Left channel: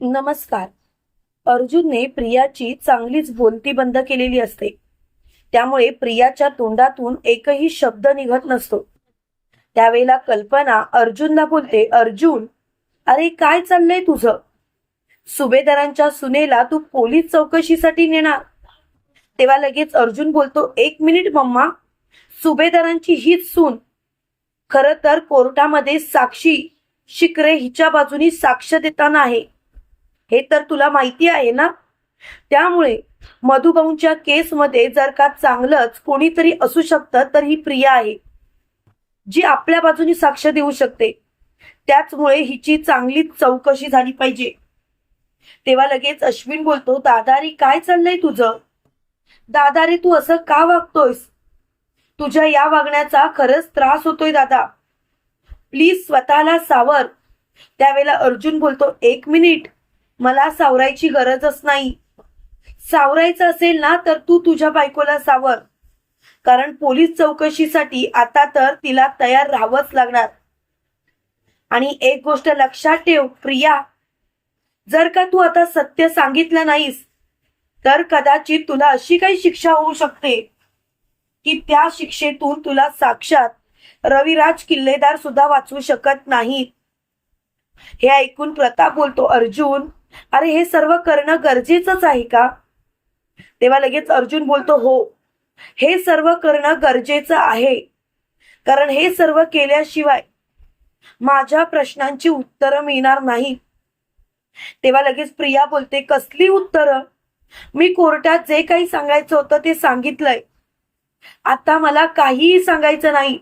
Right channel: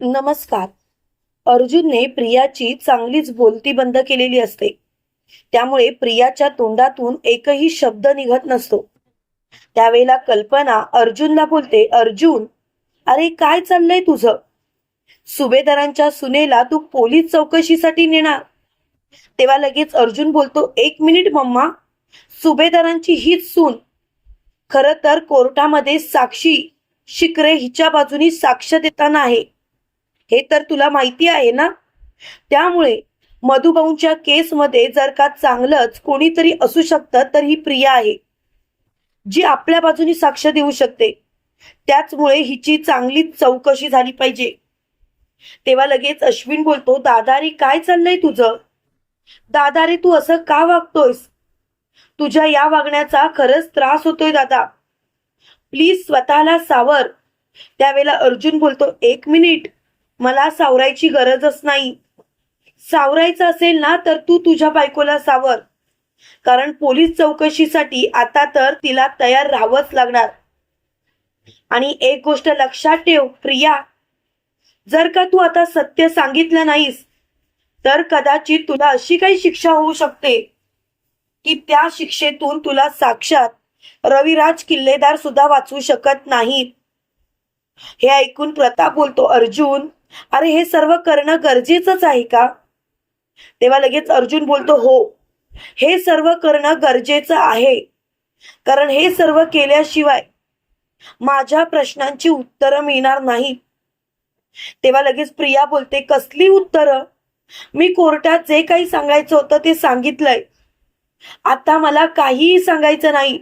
नमस्कार. अर्जुनने प्रियाची चांगलीच बोलती बंद केलेली असते. त्यामुळे प्रियाच्या तोंडातून एकही शब्द निघत नसतो. त्यावेळेला कल्पना अर्जुनला बोलते अर्जुन अरे काय चाललंय तुझं? सुभेदारांच्या सुनेला तू पोलीस चौकशीसाठी नेणार. तेव्हा लगेच अर्जुन बोलतो एक मिनिट मम्मा सुभेदारांची हीच सून. खर तर कोर्टामध्ये साक्षी शिकरे हिच्या बाजूनी साक्ष देताना आहे. हे तर तुला माहिती आहे ना? त्यामुळे मधुभाऊंच्या केसमध्ये जर का चांगलंच कोणीतरी असू शकतं तर ही प्रिया आहे जी आपल्या बाजूनी साक्ष देऊ शकते. त्याचमुळे हिची चांगली चौकशी झाली पाहिजे. तेव्हा लगेच अश्विन बोलतो दादा रे काय चाललंय तुझं? दादा रे तू असं का वागतोयस? तुझ्या या वागण्याचा खरंच त्रास होतोय दादा. प्लीज स्वतःला सावर. त्यावेळेला अर्जुन बोलतो एक मिनिट. मला सावरायची गरजच नाही. सावरायचं असेल ना तर तू तुझ्या बायकोला सावर. कारण पोलीस चौकशीसाठी आता तर तिला तयार राहावंच लागणार. आणि एक गोष्ट लक्षात ठेव प्रिया. जर का तू आता सत्य सांगितलं नाहीस तर कदाचित तुला अशी काही शिक्षा होऊ शकते की त्या शिक्षेतून तुला साक्षात रविराज किल्लेदार सुद्धा वाचू शकत नाही हे ऐकून प्रताप बोलतो अर्जुन अरे हे सर्व करणं गरजेचंच आहे का? तेव्हा लगेच अर्जुन बोलतो हो हे सर्व करणं गरजेचं आहे. कारण हे सर्व केल्याशिवाय माझ्या प्रश्नांची उत्तरं मिळणार नाही. तेव्हा लगेच प्रिया बोलते कसली उत्तरं? मी कोर्टात जे काही सांगायचं होतं ते सांगितलंय. आता मला काहीही सांगायचं नाही.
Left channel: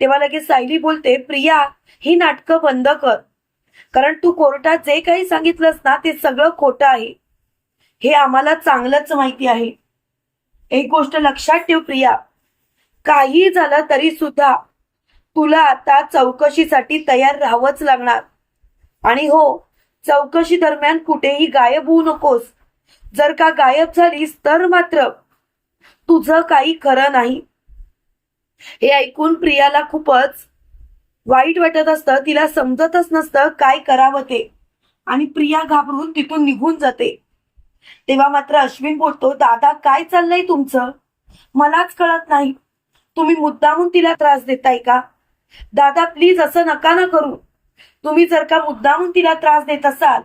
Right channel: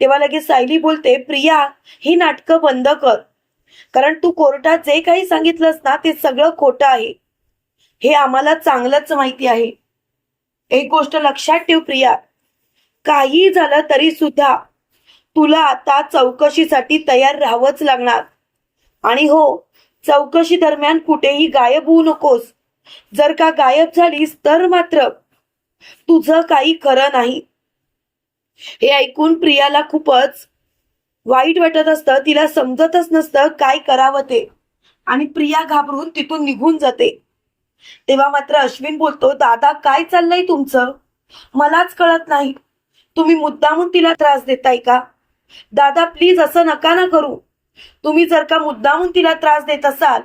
तेव्हा लगेच सायली बोलते प्रिया ही नाटकं बंद कर. कारण तू कोर्टात जे काही सांगितलंस ना ते सगळं खोटं आहे. हे आम्हाला चांगलंच माहिती आहे. एक गोष्ट लक्षात ठेव प्रिया. काही झालं तरी सुद्धा तुला आता चौकशीसाठी तयार राहावंच लागणार. आणि हो चौकशी दरम्यान कुठेही गायब होऊ नकोस. जर का गायब झालीस तर मात्र तुझं काही खरं नाही. हे ऐकून प्रियाला खूपच वाईट वाटत असतं तिला समजतच नसतं काय करावं ते. आणि प्रिया घाबरून तिथून निघून जाते. तेव्हा मात्र अश्विन बोलतो दादा काय चाललंय तुमचं? मलाच कळत नाही. तुम्ही मुद्दामून तिला त्रास देताय का? दादा प्लीज असं नका ना करू. तुम्ही जर का मुद्दामून तिला त्रास देत असाल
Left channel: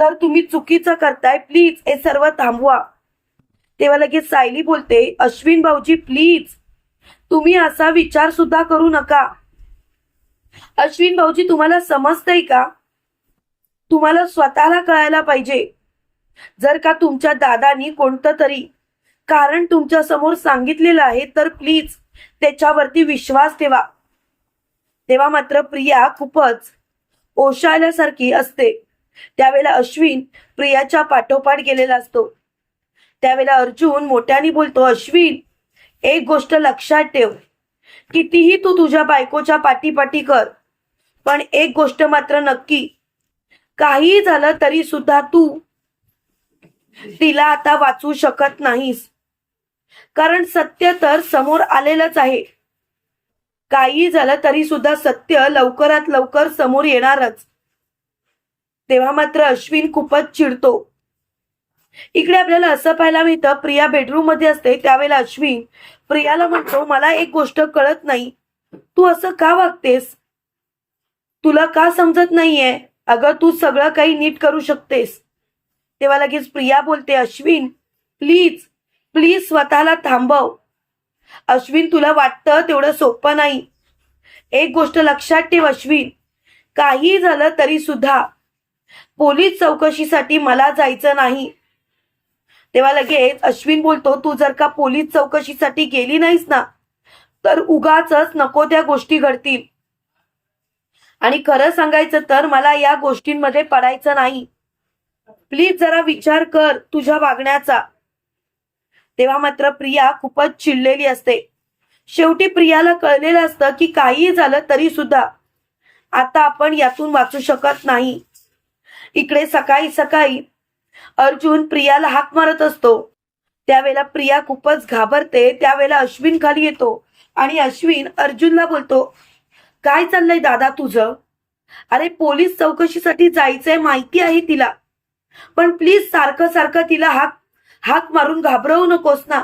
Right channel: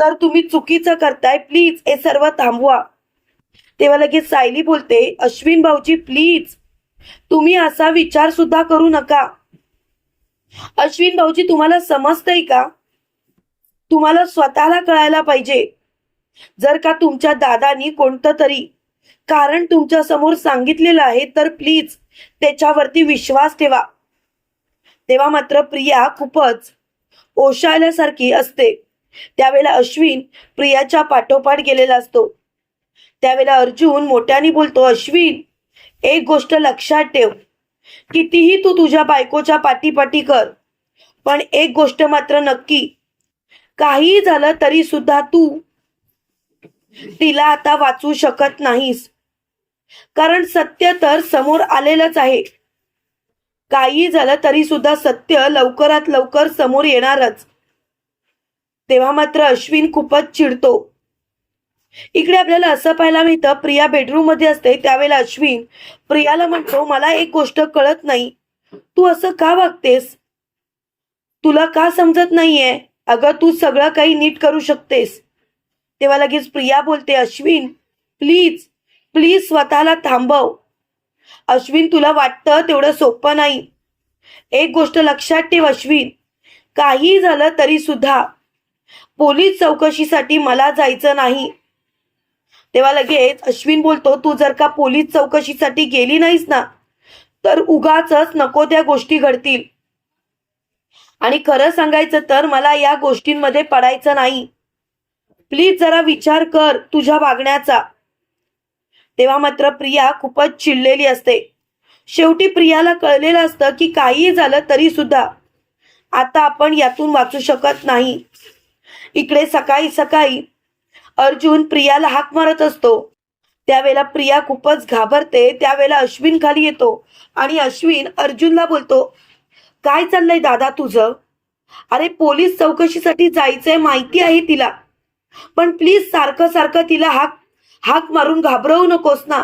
तर तुम्ही चुकीचं करताय. प्लीज हे सर्व थांबवा. तेव्हा लगेच सायली बोलते अश्विन भाऊजी प्लीज. तुम्ही असा विचार सुद्धा करू नका. अश्विन भाऊजी तुम्हाला समजतंय का? तुम्हाला स्वतःला कळायला पाहिजे. जर का तुमच्या दादानी कोणतं तरी कारण तुमच्यासमोर सांगितलेलं आहे तर प्लीज त्याच्यावरती विश्वास ठेवा. तेव्हा मात्र प्रिया खूपच ओशाळल्यासारखी असते. त्यावेळेला अश्विन प्रियाच्या पाठोपाठ गेलेला असतो. त्यावेळेला अर्जुन मोठ्याने बोलतो अश्विन एक गोष्ट लक्षात ठेव. कितीही तू तुझ्या बायकोच्या पाठीपाठी कर पण एक गोष्ट मात्र नक्की. काही झालं तरी सुद्धा तू तिला आता वाचू शकत नाहीस. कारण सत्य तर समोर आलेलंच आहे. काही झालं तरी सुद्धा सत्य लवकरात लवकर समोर येणारच. तेव्हा मात्र अश्विन खूपच चिडतो. इकडे आपल्याला असं पाहायला मिळतं प्रिया बेडरूममध्ये असते त्यावेळेला अश्विन प्रियाला म्हणतो मला एक गोष्ट कळत नाही. तू असं का वागतेस? तुला का समजत नाहीये? अगं तू सगळं काही नीट करू शकतेस. तेव्हा लगेच प्रिया बोलते अश्विन प्लीज प्लीज स्वतःला थांबव. अश्विन तुला वाटतं तेवढं सोपं नाही. एक गोष्ट लक्षात ठेव अश्विन. काही झालं तरी सुद्धा. पोलीस चौकशीसाठी मला जायचं नाही. तेव्हा लगेच अश्विन बोलतो तू जर का पोलीस चौकशीसाठी गेली नाहीस ना तर उगाच नको त्या गोष्टी घडतील. आणि खरं सांगायचं तर मला या गोष्टींमध्ये पडायचं नाही. प्लीज जरा विचार कर तुझ्या वागण्याचा. तेव्हा मात्र प्रिया खूपच चिडलेली असते. शेवटी प्रियाला कळलेलं असतं की काहीही झालं तरी सुद्धा आता आपण यातून वाचू शकत नाही. इकडे सकाळी सकाळी अर्जुन प्रियाला हाक मारत असतो. त्यावेळेला प्रिया खूपच घाबरते. त्यावेळेला अश्विन खाली येतो आणि अश्विन अर्जुनला बोलतो काय चाललंय दादा तुझं? अरे पोलीस चौकशीसाठी जायचंय माहिती आहे तिला. पण प्लीज सारखं सारखं तिला हाक हाक मारून घाबरवू नकोस ना.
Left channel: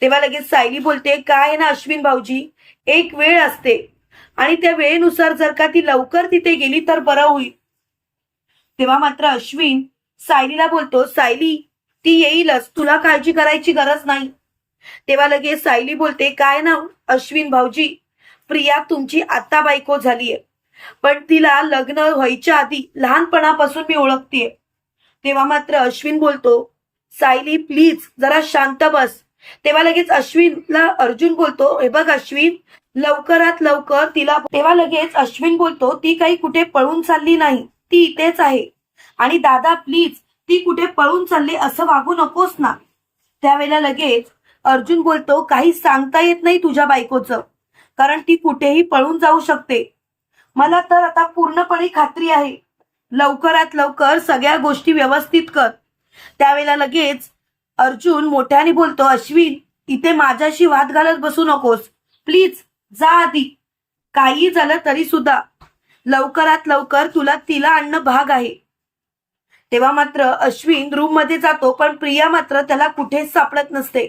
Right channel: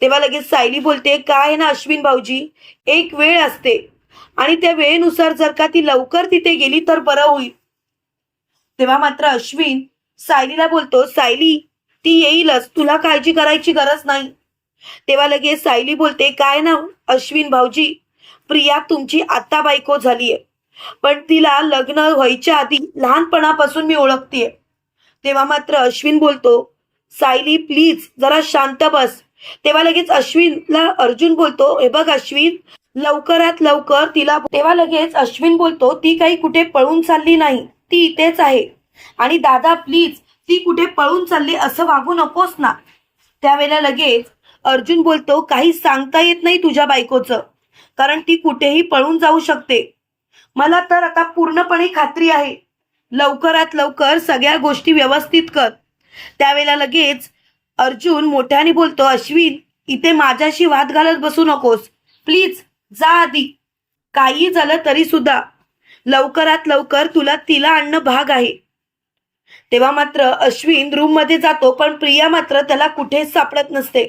तेव्हा लगेच सायली बोलते काय आहे ना अश्विन भाऊजी? एक वेळ असते. आणि त्या वेळेनुसार जर का ती लवकर तिथे गेली तर बरं होईल. तेव्हा मात्र अश्विन सायलीला बोलतो सायली ती येईलच. तुला काळजी करायची गरज नाही. तेव्हा लगेच सायली बोलते काय ना अश्विन भाऊजी. प्रिया तुमची आता बायको झालीये. पण तिला लग्न व्हायच्या आधी लहानपणापासून मी ओळखतीये. तेव्हा मात्र अश्विन बोलतो सायली प्लीज जरा शांत बस. तेव्हा लगेच अश्विनला अर्जुन बोलतो हे बघ अश्विन लवकरात लवकर तिला तेव्हा लगेच अश्विन बोलतो ती काही कुठे पळून चालली नाही. ती इथेच आहे. आणि दादा प्लीज ती कुठे पळून चालली असं वागू नकोस ना. त्यावेळेला लगेच अर्जुन बोलतो काही सांगता येत नाही तुझ्या बायकोचं कारण ती कुठेही पळून जाऊ शकते. मला तर आता पूर्णपणे खात्री आहे. लवकरात लवकर सगळ्या गोष्टी व्यवस्थित कर. त्यावेळेला लगेच अर्जुन मोठ्याने बोलतो अश्विन इथे माझ्याशी वाद घालत बसू नकोस. प्लीज जा आधी. काही झालं तरी सुद्धा. लवकरात लवकर तुला तिला आणणं भाग आहे. तेव्हा मात्र अश्विन रूममध्ये जातो पण प्रिया मात्र त्याला कुठेच सापडत नसते.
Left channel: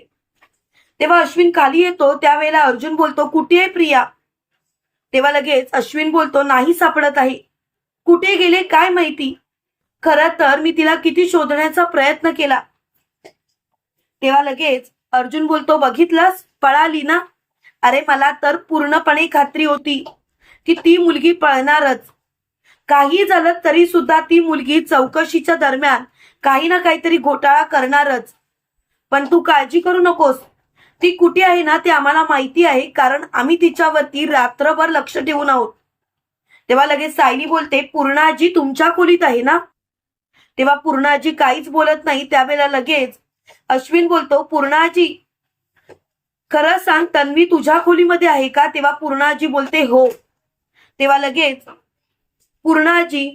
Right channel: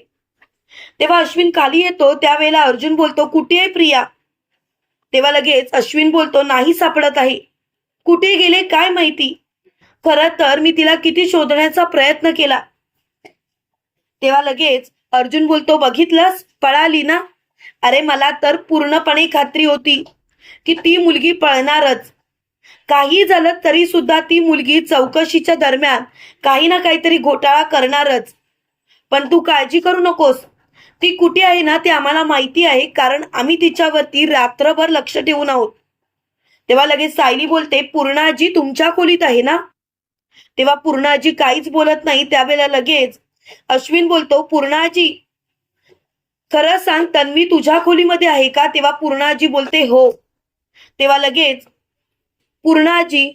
तेव्हा अश्विन खाली येतो त्यावेळेला अर्जुन बोलतो कुठे आहे प्रिया? तेव्हा लगेच अश्विन बोलतो नाही सापडत आहे. कुठे गेले? काय माहिती? खरं तर मी तिला किती शोधण्याचा प्रयत्न केला. तेव्हा लगेच अर्जुन बोलतो बघितलंस? पळाली ना? अरे मला तर पूर्णपणे खात्री होती की ती मुलगी पळणारच. काही झालं तरी सुद्धा ती मुलगी चौकशीच्या दरम्यान काही ना काहीतरी घोटाळा करणारच. पण तू काळजी करू नकोस. ती कुठे आहे ना ते आम्हाला माहिती आहे कारण आम्ही तिच्यावरती रात्रभर लक्ष ठेवून आहोत. तेव्हा लगेच सायली बोलते पूर्णाजी तुमच्या खोलीत आहे ना? तेव्हा पूर्णाजी काहीच बोलत नाही. त्यावेळेला लगेच अश्विन बोलतो पूर्णाजी खरं सांग तन्वी तुझ्या खोलीमध्ये आहे का? तेव्हा पूर्णाजी बोलते हो. तेव्हा लगेच पूर्णाजी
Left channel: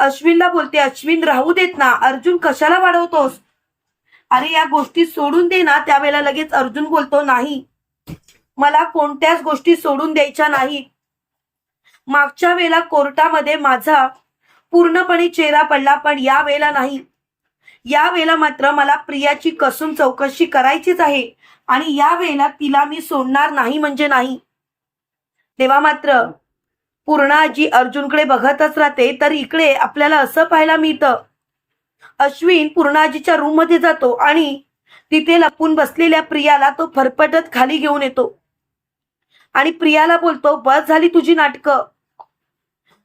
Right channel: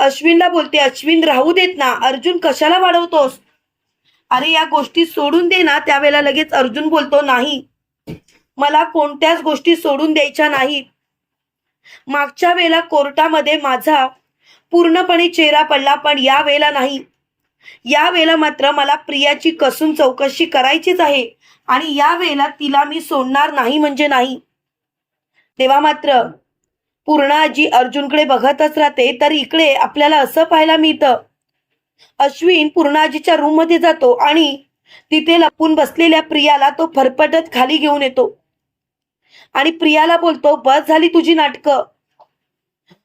अश्विनला बोलते अश्विन राहू देत ना अर्जुन कशाला वाढवतोस? अरे या गोष्टी सोडून दे ना त्यावेळेला लगेच अर्जुन बोलतो नाही मला कोणत्याच गोष्टी सोडून द्यायच्या नाही. मागच्या वेळेला कोर्टामध्ये माझा पूर्णपणे चेहरा पडला पण या वेळेला नाही. या वेळेला मात्र मला प्रियाची कसून चौकशी करायचीच आहे आणि या वेळेला तिला मी सोडणार नाही म्हणजे नाही. तेव्हा मात्र पूर्णाजी अर्जुनकडे बघतच राहते तर इकडे आपल्याला असं पाहायला मिळतं. अश्विन पूर्णाजीच्या रूममध्ये जातो आणि तिथे लपून बसलेल्या प्रियाला तो फरफटत खाली घेऊन येतो. आणि प्रियाला बोलतो बस झाली तुझी नाटकं.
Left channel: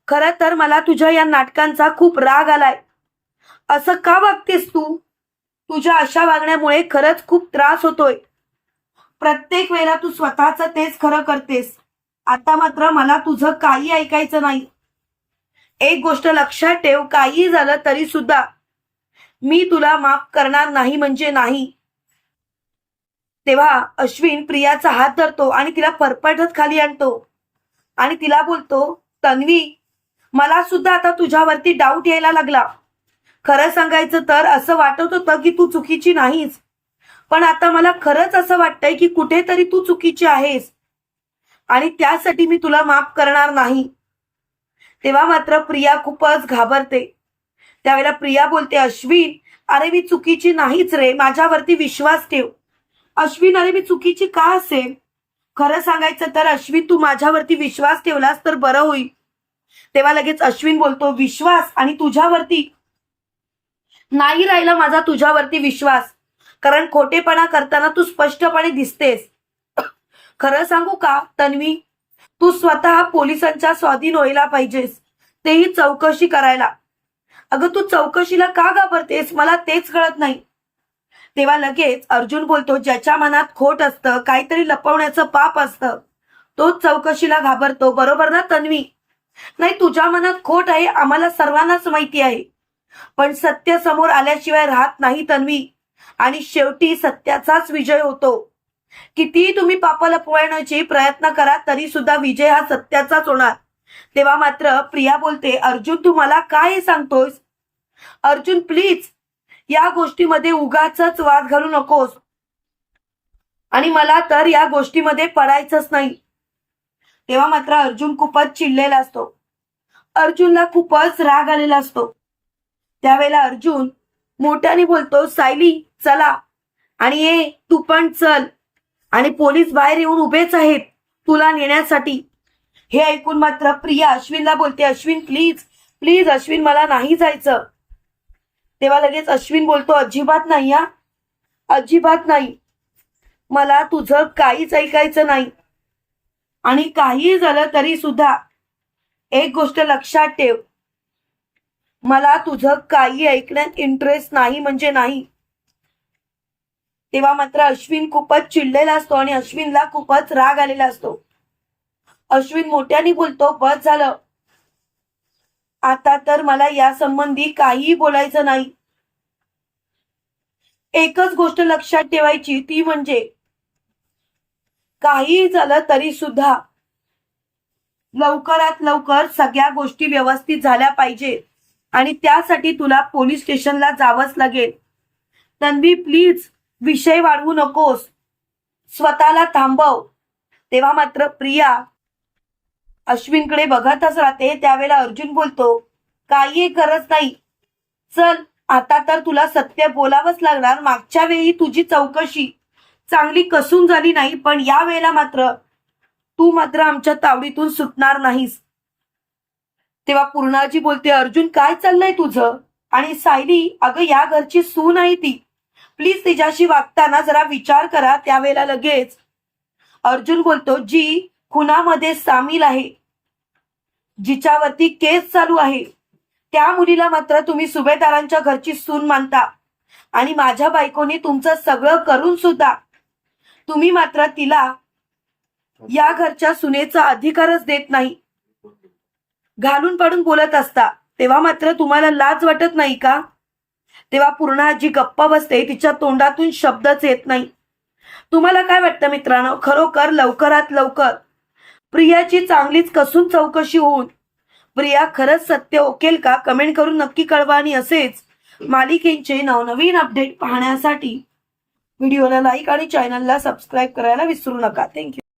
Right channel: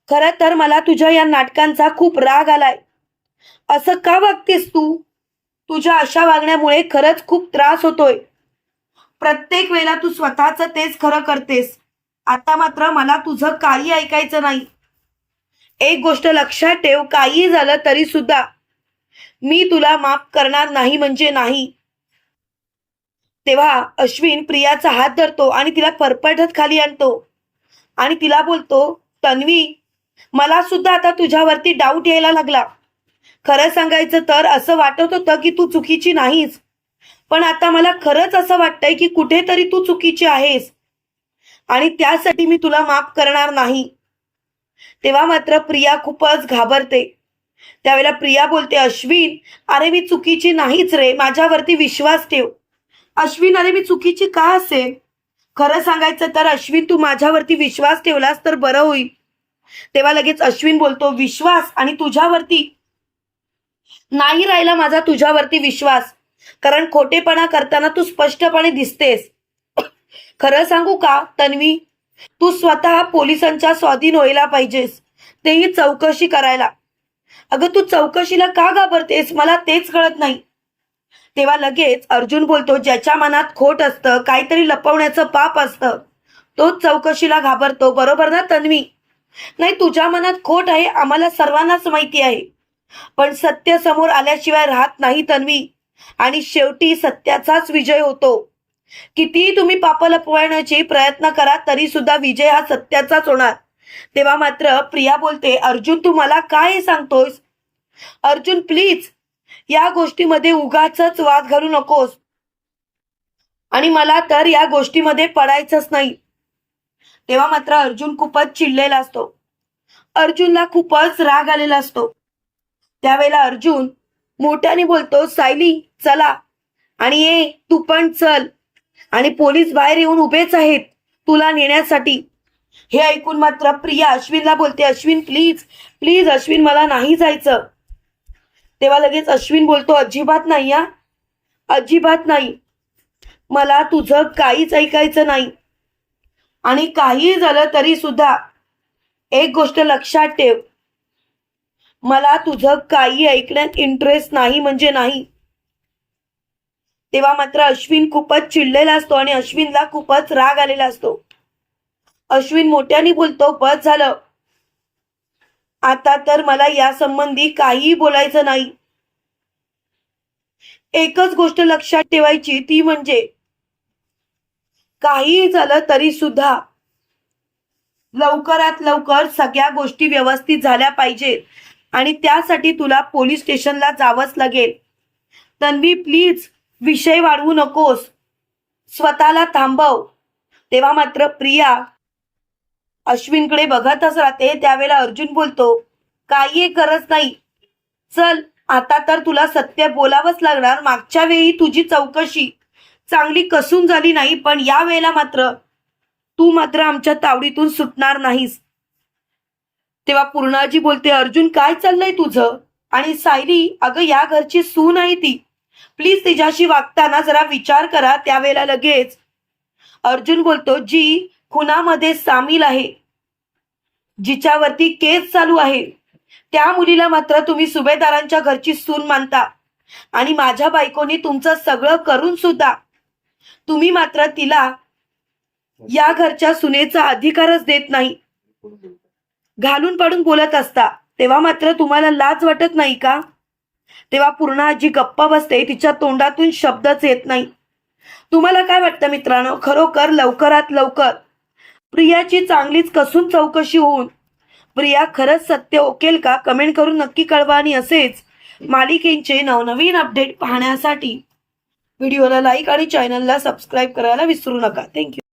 खरं तर मला तुझ्या या नाटकांचा खूप राग आलाय. असं का वागतेस तू? तुझ्या अशा वागण्यामुळे खरंच खूप त्रास होतोय. प्रत्येक वेळेला तू स्वतःच तेच खरं करतेस. आता मात्र मला तुझं काही ऐकायचं नाही. एक गोष्ट लक्षात ठेव काही झालं तरी सुद्धा. मी तुला माफ करणार नाही म्हणजे नाही. तेव्हा अश्विन प्रियाचा हात धरतो आणि तिला फरफटत खाली आणतो. आणि तिला बोलतो तन्वी मला सुद्धा आता तुझ्यावरती डाऊट यायला लागला. खरं सांगायचं तर असं वाटत होतं की तू चुकीची नाहीस. पण आता मला खरंच असं वाटतंय की कुठेतरी तू चुकीची आहेस. आणि त्यासाठी मी तुला माफ करणार नाही. तेव्हा मात्र प्रिया खूपच घाबरते. त्यावेळेला प्रिया बोलते अश्विन अरे मी चुकीची नाहीच रे माझ्यावरती विश्वास ठेव. अश्विन अरे मी चुकीची का असेल खरं सांगायचं तर अश्विन तू माझ्यावरती विश्वास ठेवलास तर बरं होईल. तेव्हा लगेच अश्विन बोलतो विश्वास आणि तुझ्यावरती. नाही राहिला माझा तुझ्यावरती विश्वास कारण खोटेपणा करताना तू स्पष्टपणे दिसतेस. खरं सांगू का तन्वी? तू स्वतः पोलिसांच्या स्वाधीन व्हायला पाहिजेस. तेही चौकशी करायला. अगं तू चौकशीला का घाबरतेस? मला तेच कळत नाही. तेव्हा लगेच अर्जुन बोलतो ज्याच्या मनात खोट असतं काहीतरी लपवण्याचं पाप असतं. तोच चौकशीला घाबरतो बरोबर ना तन्वी? नाही तुझ्या मनात खोट आहे आम्हाला सर्वांनाच माहिती आहे. पण सत्य समोर आल्याशिवाय राहत नाही तन्वी. आणि शेवटी सत्याचाच विजय होतो. कितीही तुम्ही पाप लपवण्याचे प्रयत्न करा तरी सुद्धा विजय हा सत्याचाच होणार. तेव्हा मात्र प्रिया बोलते अर्जुन तू मला काय सांगतोयस? अर्जुन प्लीज या गोष्टीमध्ये उगाच वाद घालू नकोस. आणि मला तर या गोष्टीमध्ये पडायचंच नाही. तेव्हा मात्र अर्जुन खूपच चिडलेला असतो. अर्जुनला खूपच राग आलेला असतो. त्यावेळेला अर्जुन मोठ्याने बोलतो सायली चला. आणि ये तू पण चल. आणि पोलीस बाहेर येऊन उभेच आहेत. तुला नेण्यासाठी. हे ऐकून मात्र प्रिया अश्विनला बोलते अश्विन प्लीज प्लीज अश्विन मला नाही जायचं. तेव्हा लगेच अश्विन बोलतो अजिबात नाही या अजिबात नाही. मला तुझं काहीच ऐकायचं नाही. आणि काही झालं तरी सुद्धा एक गोष्ट लक्षात ठेव. मला तुझं काही ऐकण्यात इंटरेस्ट नाही म्हणजे नाही. तेव्हा मात्र अश्विन खूपच चिडलेला असतो आणि अश्विनला खूपच राग आलेला असतो. अश्विन मोठ्याने बोलतो बस झालं. आता तर मला या संबंधी काहीही बोलायचं नाही. एकच गोष्ट लक्षात ठेवायची ती म्हणजे काहीही झालं तरी सुद्धा लवकरात लवकर सगळ्या गोष्टी व्यवस्थित झाल्या पाहिजेत आणि त्यासाठी तुला पोलीस स्टेशनला जावंच लागेल. तन्वी प्लीज विषय वाढवू नकोस. स्वतःला थांबव. तेव्हा मात्र प्रिया अश्विनकडे बघतच राहते. त्यावेळेला अर्जुन बोलतो काही गरज नाही. चल आता तर तुला सत्य बोलावंच लागणार. मागच्या वेळी तुझी चौकशी चांगली कसून झाली नाही पण या वेळेला मात्र तू मात्र आमच्या तावडीतून सुटणार नाहीस. तेव्हा पूर्णाजी बोलते अर्जुन काय चाललंय तुझं? आणि सायली अगं या घरची सून आहे ती. प्लीज तिच्याशी वागताना जरा विचार करा त्यावेळेला लगेच. अर्जुन बोलतो जी खुनामध्ये सामील आहे. जिच्यावरती केस चालू आहे. त्या मुलीला मात्र तुम्ही सुभेदारांच्या घरची सून मानता. आणि माझ्या बायकोनी तुमचं सगळं करून सुद्धा. तुम्ही मात्र तिला या घरच्या सुनेचा अधिकारच देत नाही. घालून पडून बोलत असता. तेव्हा मात्र तुम्हाला लाज वाटत नाही का? तेव्हा पूर्ण आजी गप्पा बसते तिच्या तोंडातून शब्दच येत नाही. तुम्हाला काय वाटतं मित्रांनो? खरोखर लवकरात लवकर प्रियाची चांगलीच कसून चौकशी होऊन प्रिया खरंच सत्य ओकेल का? कमेंट करून नक्की कळवा आणि असेच मालिकेचे नवनवीन अपडेट पाहण्यासाठी व्हिडिओला लाईक आणि चॅनलला सबस्क्राईब करायला विसरू नका. थँक्यू